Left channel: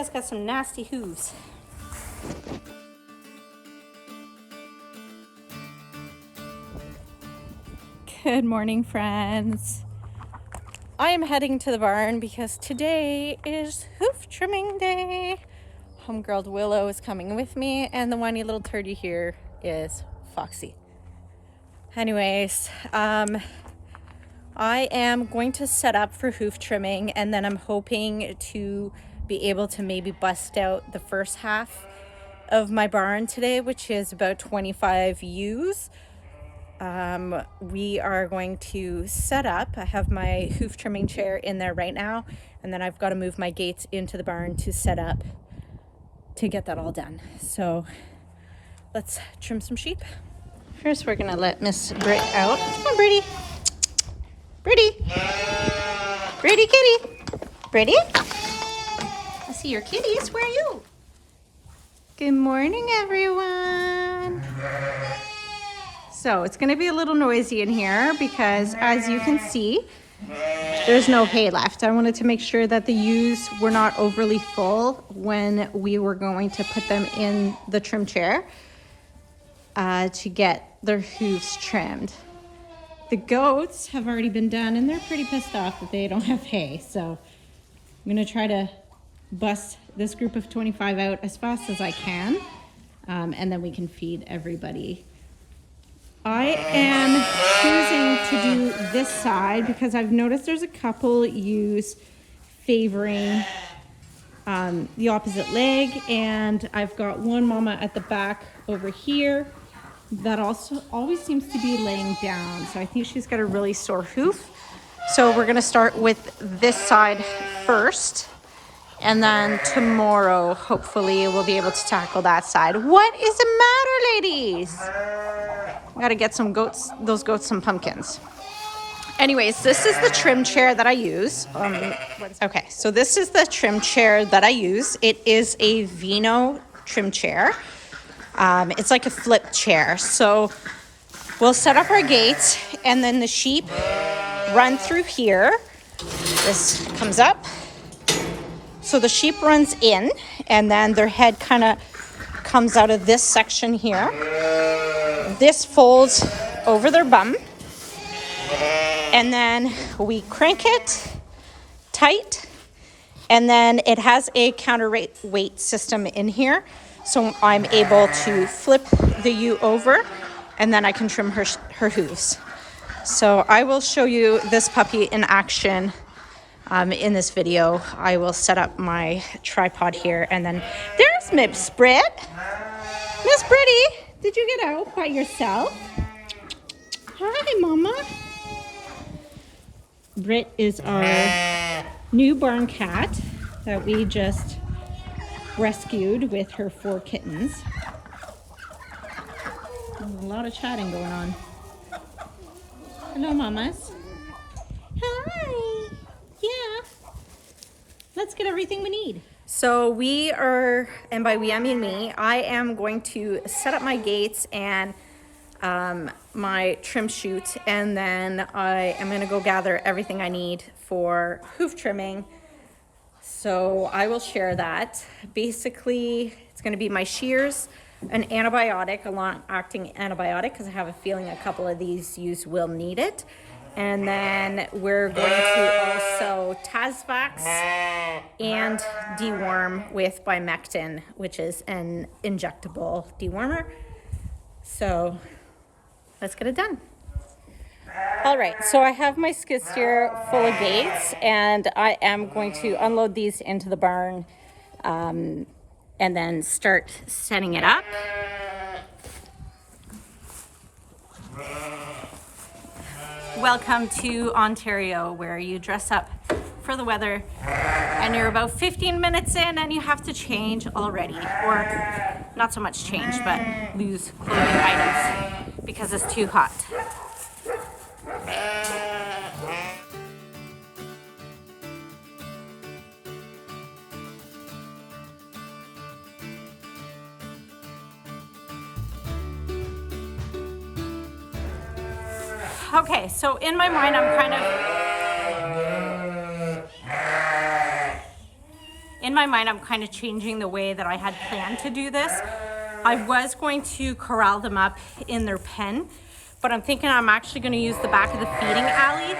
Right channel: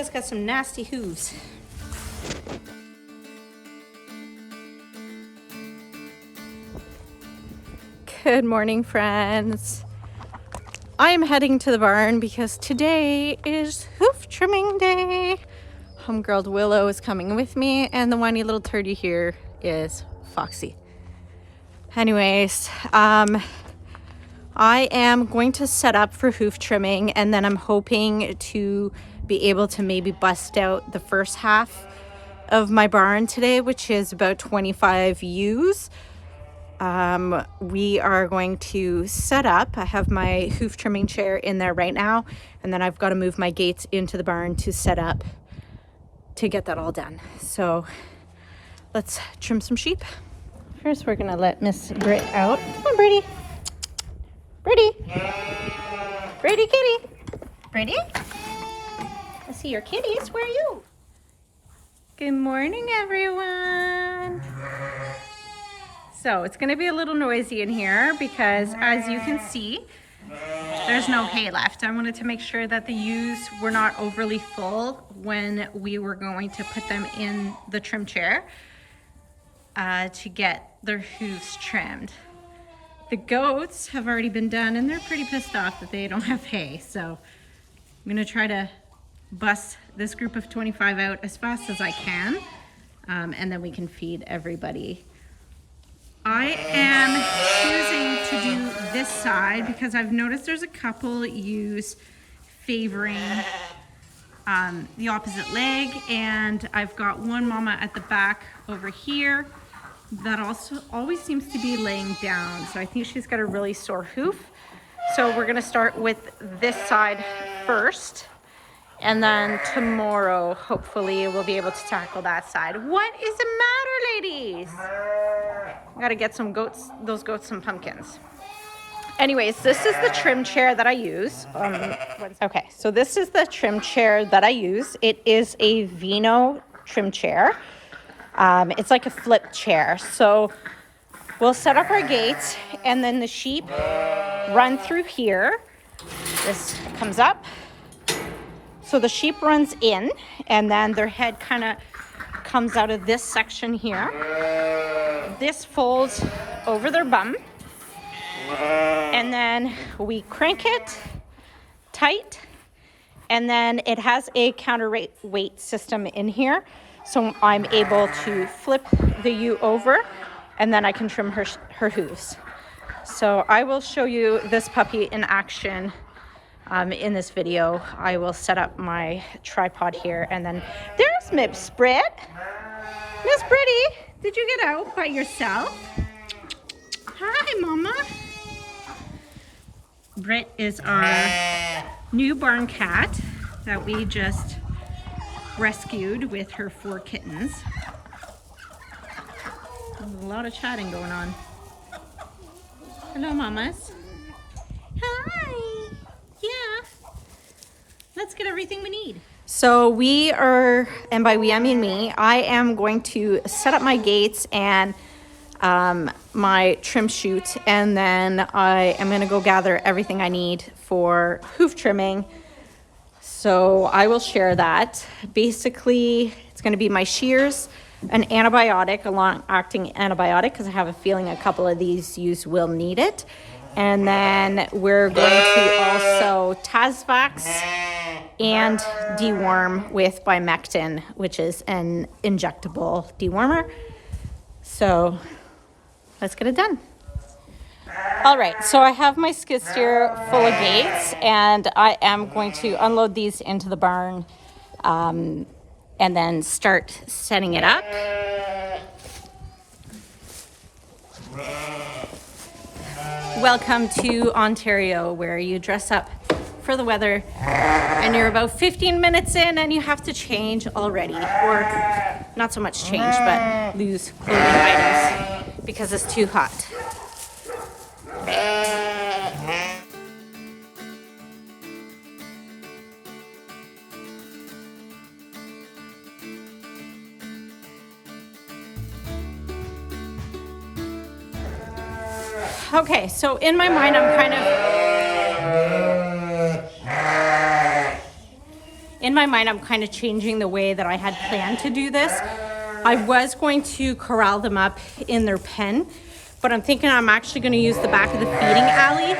has got some nasty hooves. Good morning, friends. I am heading to the barn because today is hoof trimming day. Homegirl Willow is coming with me, and the whiny little turd you hear is Foxy. Anyways, I am going to set up for hoof trimming, and then I'm hoping to be able to maybe bust out the first half of my barn today, which is about 25 ewes. We are going to set up. I have my hoof trimming chair in there right now, and then I've got to move my gates into the barn to set up to get that all done. So let's trim some sheep. First, we're gonna let Miss Brit out. Come on, Brady. Brady. Brady kitty. Brady. I see your kitties. Where are you? Good morning, everyone. So it's gonna be a little noisy in here because, as you can see, there's no hay left. I wanted to make sure that the ewes were not overly full when we were going to put them in the trim chair to get their hooves trimmed. The goats have already been done, and they're pretty pissed off that they don't have hay. So I'm gonna try to bust this group of 25 out as fast as I can, and then we can feed everybody. I am choosing to do this side because I've noticed there's a couple ewes favoring the opposite leg, and I've got one mama at the back over here that also always seems to be laying down. So I think she's got a really sore hoof. So we're gonna start with this side first, and then tomorrow, hopefully, we'll be able to tackle that side. What is the matter, ladies? I gotta get those goats some pumpkins. Anyways, this is the trim chair that I use. Okay, so this is the trim chair that I use. It is a Veno trim chair. It's like a flip chair. So we'll set up our gates, and then the sheep run through here. This comes up. So the sheep runs in, and then their head kind of comes out of this section here. This folds over their bum, and then we crank it tight, and then it has a counterweight system in here, so I'm able to flip the ewe over, and then I can trim her hooves. So I will show you this puppy in action in this video. I will set up my tripod here, and then there's Miss Brit. Miss Britty, did you get out by yourself? Hi, Mama. Brit is our newborn cat that we just rescued with her 4 kittens. There's a lot of chatting going on. Hello, mamas. Hi. Yeah. Let's get everything we need. So we are, and by we I mean me, I am going to set up my gates and my trim chute, and then I am going to go gather everything I need for hoof trimming. So I will share that. Basically, it's going to be my shears, an antibiotic, a long-acting antibiotic, because I have a feeling a couple of these ewes will need it. And then we're going to also Tasvax and deworm with Bimectin, which is an injectable dewormer. So let's get it done. All right, so I have my skid steer full of gates, and I am going to unload these into the barn and then start setting it up. Welcome to Ontario, where you dress up for the weather and you're about 15 minutes in and you have to change already, or not so much change, but lose clothing items because it's too hot. Okay, so in my mind, I'm kind of in my mind, I'm kind of changing the way that I had planned to do this. I was going to corral them up in their pen, but I'm thinking I'm actually going to use the back of the feeding alley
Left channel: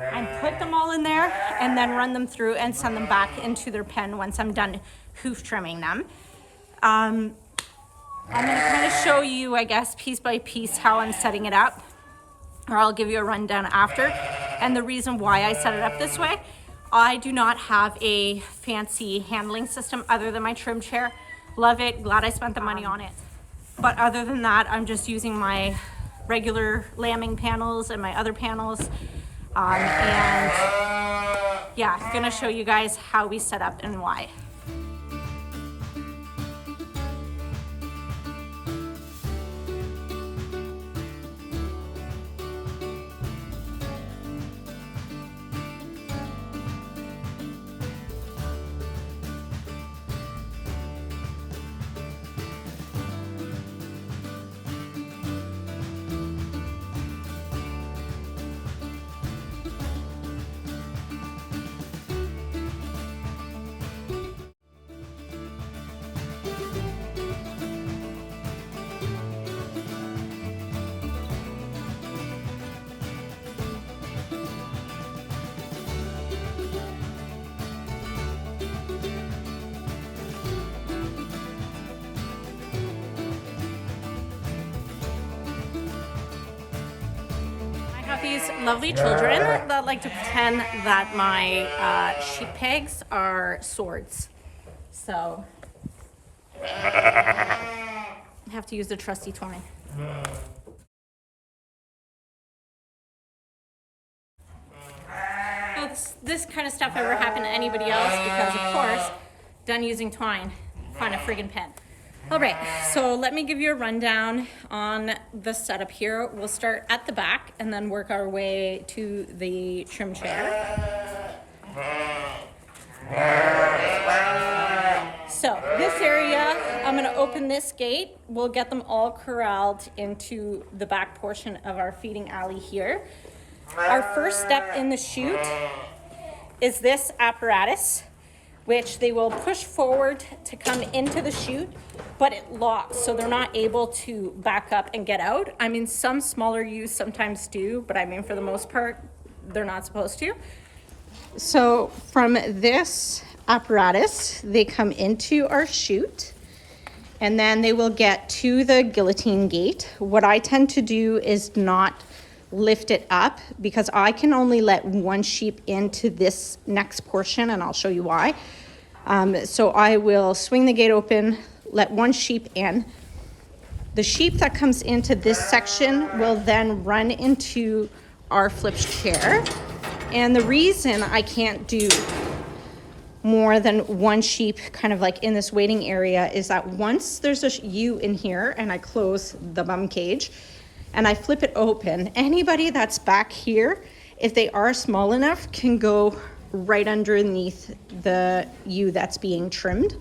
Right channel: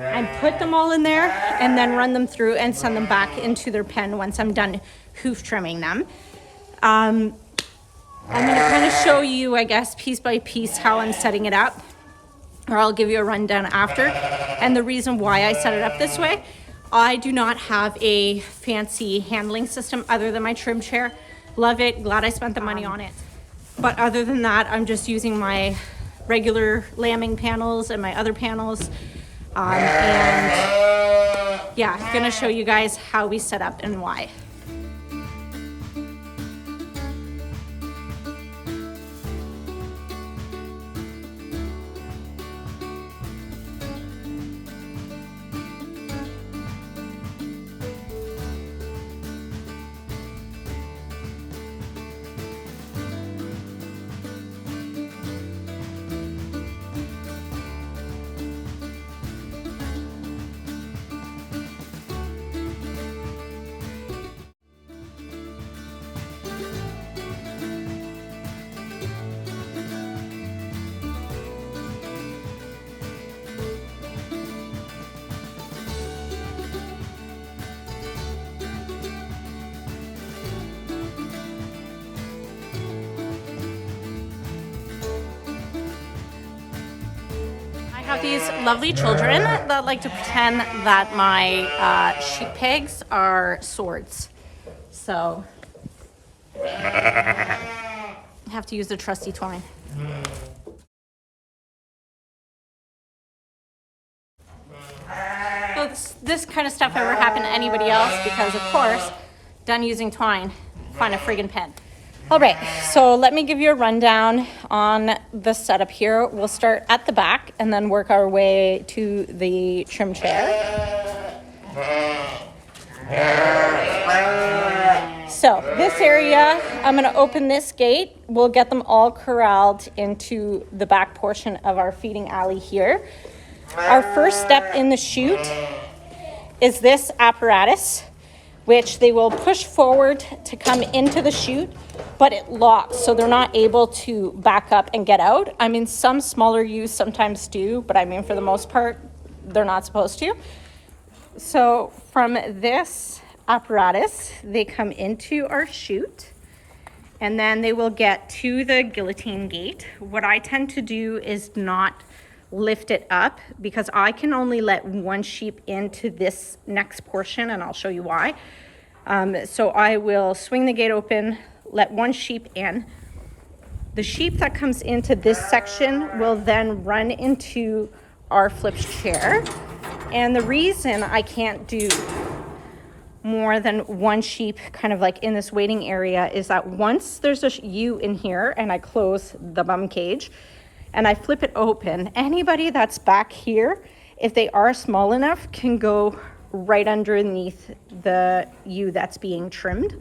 and put them all in there and then run them through and send them back into their pen once I'm done hoof trimming them. I'm going to kind of show you, I guess, piece by piece how I'm setting it up, or I'll give you a rundown after. And the reason why I set it up this way, I do not have a fancy handling system other than my trim chair. Love it, glad I spent the money on it. But other than that, I'm just using my regular lambing panels and my other panels. And yeah, gonna show you guys how we set up and why. I have these lovely children that like to pretend that my sheep pegs are swords. So I have to use the trusty twine. So this kind of stuff never happened to anybody else because, of course, done using twine, find a friggin' pen. All right, so let me give you a rundown on the setup here. We'll start at the back and then work our way to the trim chair. So this area, I'm gonna open this gate. We'll get them all corralled into the back portion of our feeding alley here. Our first step in the chute is this apparatus, which they will push forward to come into the chute, but it locks, so they're not able to back up and get out. I mean, some smaller ewes sometimes do, but I mean, for the most part, they're not supposed to. So from this apparatus, they come into our chute, and then they will get to the guillotine gate. What I tend to do is not lift it up because I can only let one sheep into this next portion, and I'll show you why. So I will swing the gate open, let one sheep in. The sheep that comes into this section will then run into our flipped chair. And the reason I can't do more than one sheep kind of like in this waiting area is that once there's a ewe in here and I close the bum cage and I flip it open, anybody that's back here, if they are small enough, can go right underneath the ewe that's being trimmed.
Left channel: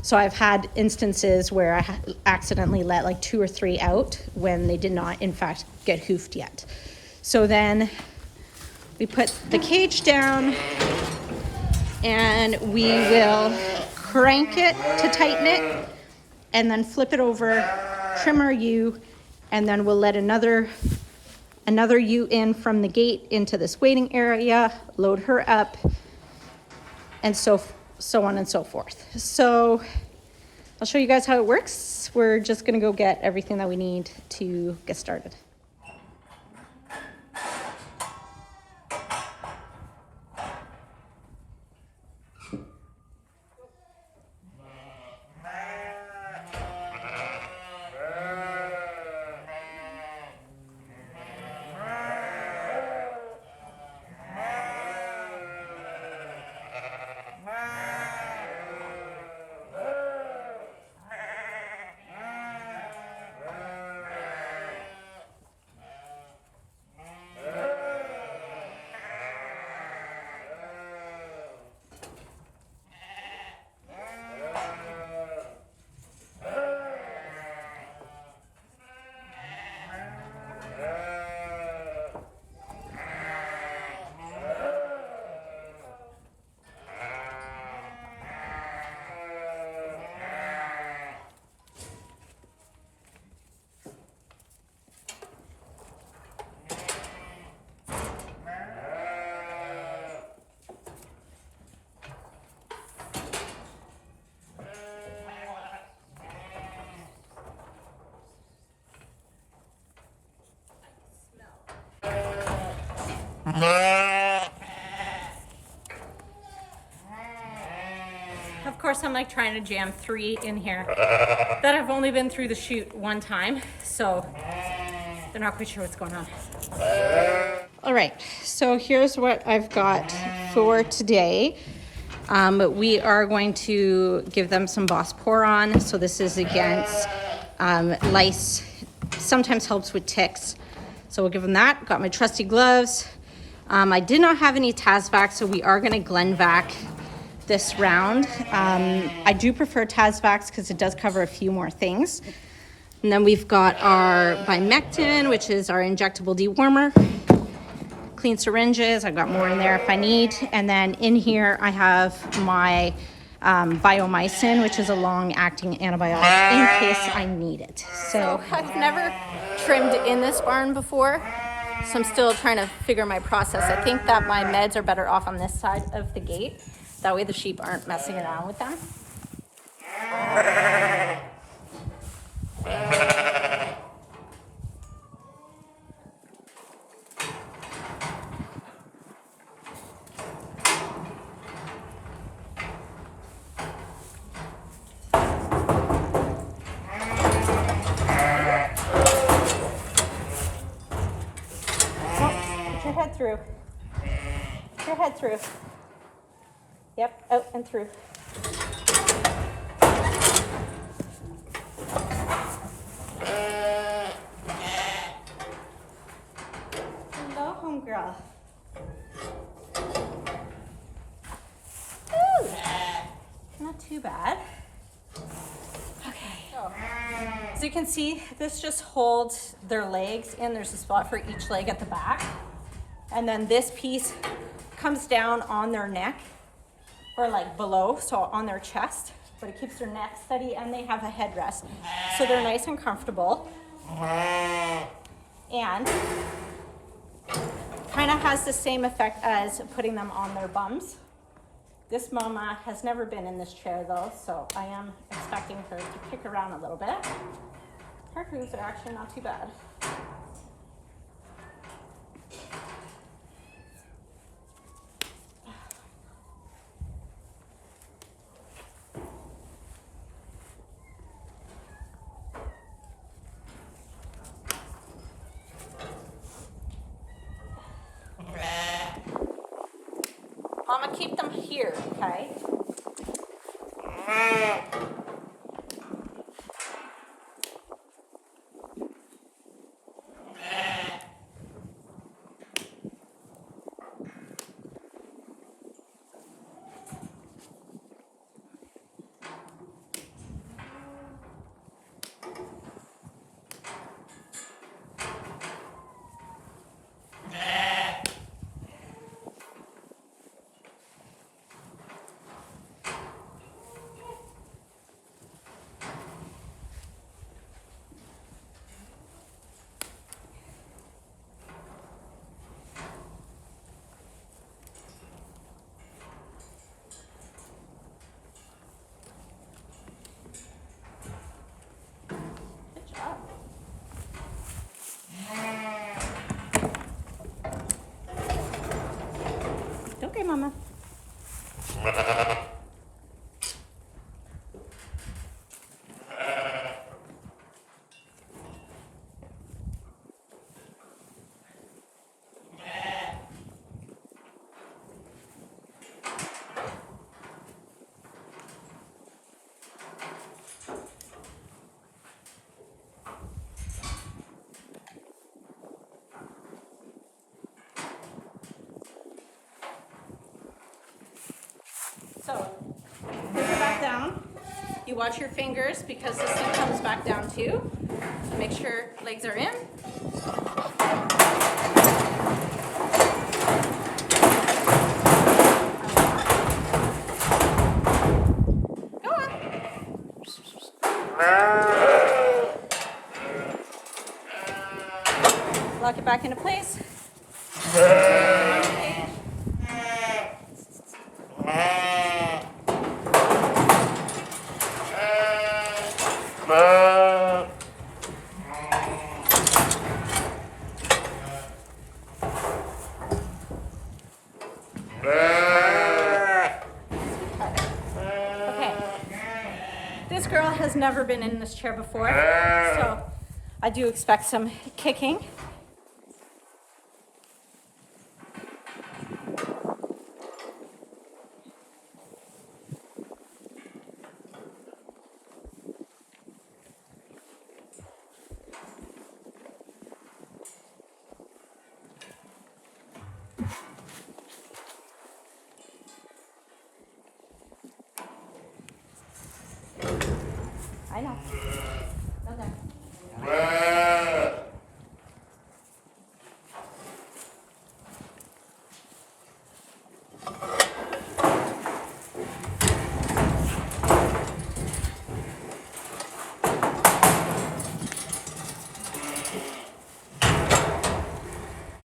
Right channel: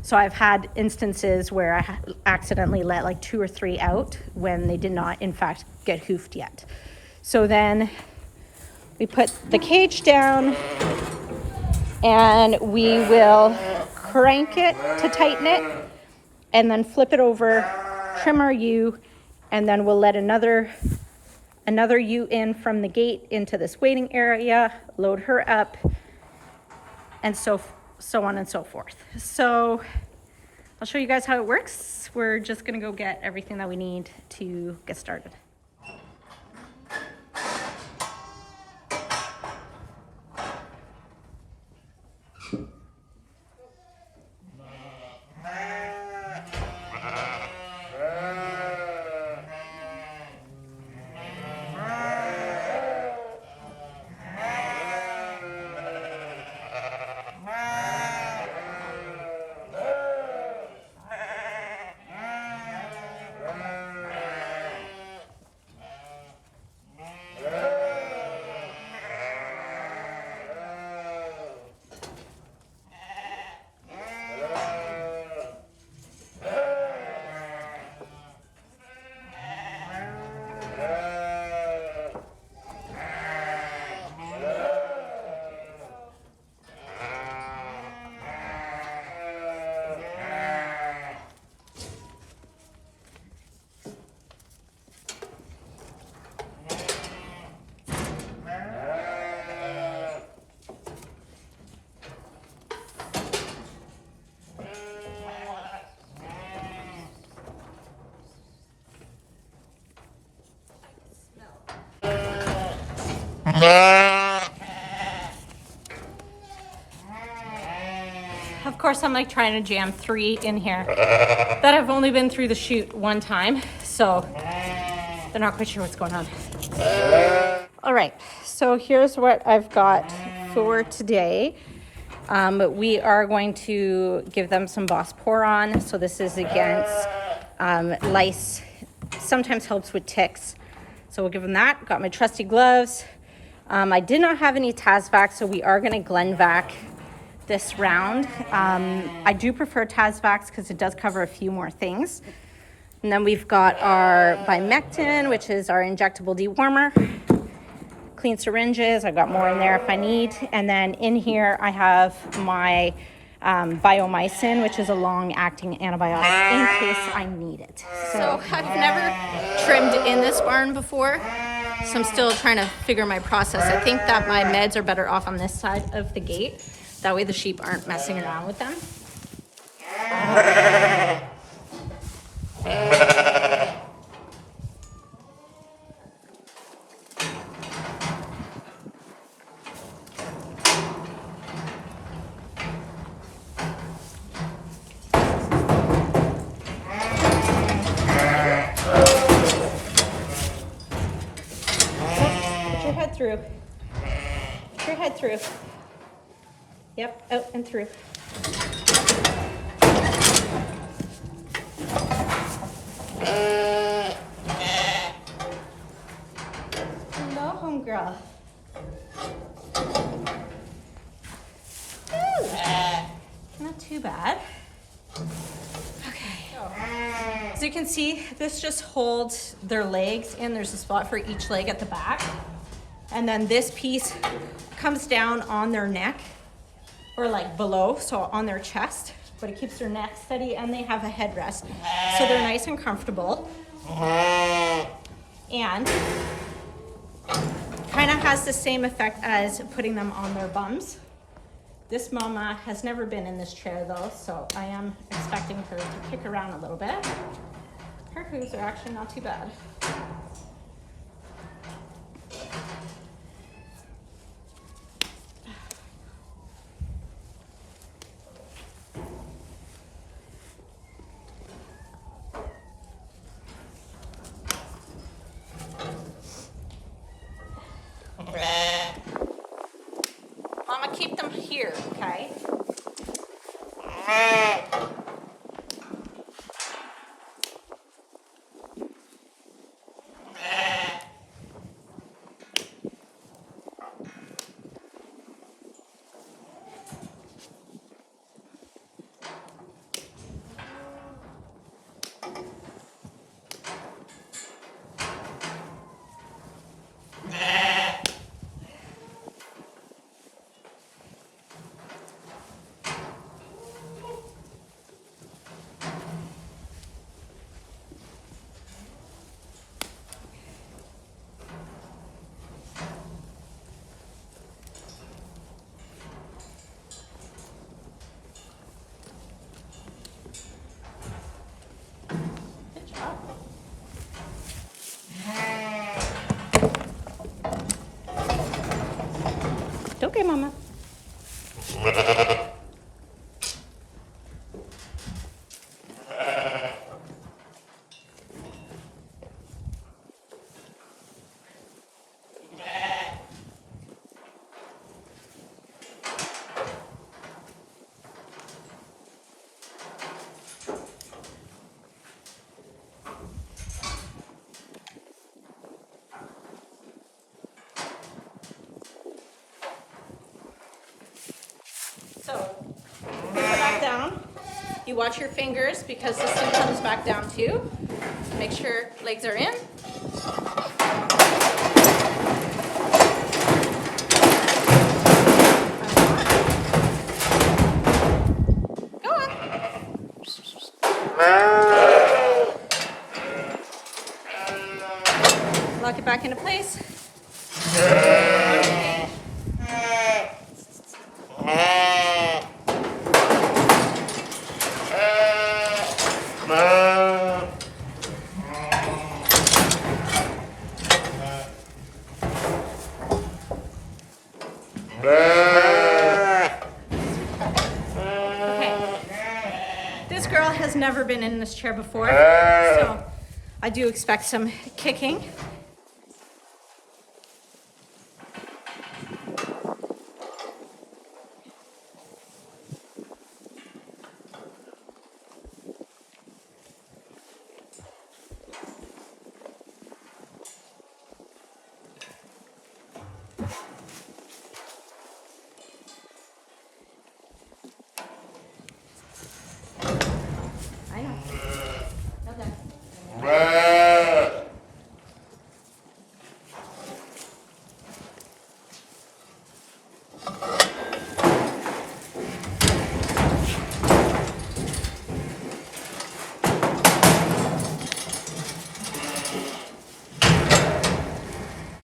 So I've had instances where I accidentally let like 2 or 3 out when they did not in fact get hoofed yet. So then we put the cage down and we will crank it to tighten it and then flip it over, trim our ewe, and then we'll let another ewe in from the gate into this waiting area, load her up, and so on and so forth. So I'll show you guys how it works. We're just gonna go get everything that we need to get started. Of course, I'm like trying to jam 3 in here that have only been through the chute one time, so they're not quite sure what's going on. All right, so here's what I've got for today. We are going to give them some Bosporon. So this is against lice, sometimes helps with ticks. So we'll give them that. Got my trusty gloves. I did not have any Tasvac, so we are gonna Glenvac this round. I do prefer Tasvac because it does cover a few more things. And then we've got our Bimectin, which is our injectable dewormer. Clean syringes, I've got more in there if I need. And then in here I have my Biomycin, which is a long-acting antibiotic in case I need it. So I've never trimmed in this barn before, so I'm still trying to figure my process. I think that my meds are better off on this side of the gate. That way the sheep aren't messing around with them. Put your head through. Put your head through. Yep, out and through. Hello, homegirl. Ooh, not too bad. Okay. So you can see, this just holds their legs in. There's a spot for each leg at the back. And then this piece comes down on their neck, or like below, so on their chest, but it keeps their neck steady, and they have a headrest. So they're nice and comfortable. And kind of has the same effect as putting them on their bums. This mama has never been in this chair though, so I am expecting her to kick around a little bit. Her hooves are actually not too bad. Mama, keep them here, okay? Okay, Mama. So, put her back down. You watch your fingers because this thing comes back down too. Make sure legs are in. Go on. Lock it back into place. This girl has never been in this chair before, so I do expect some kicking. I know.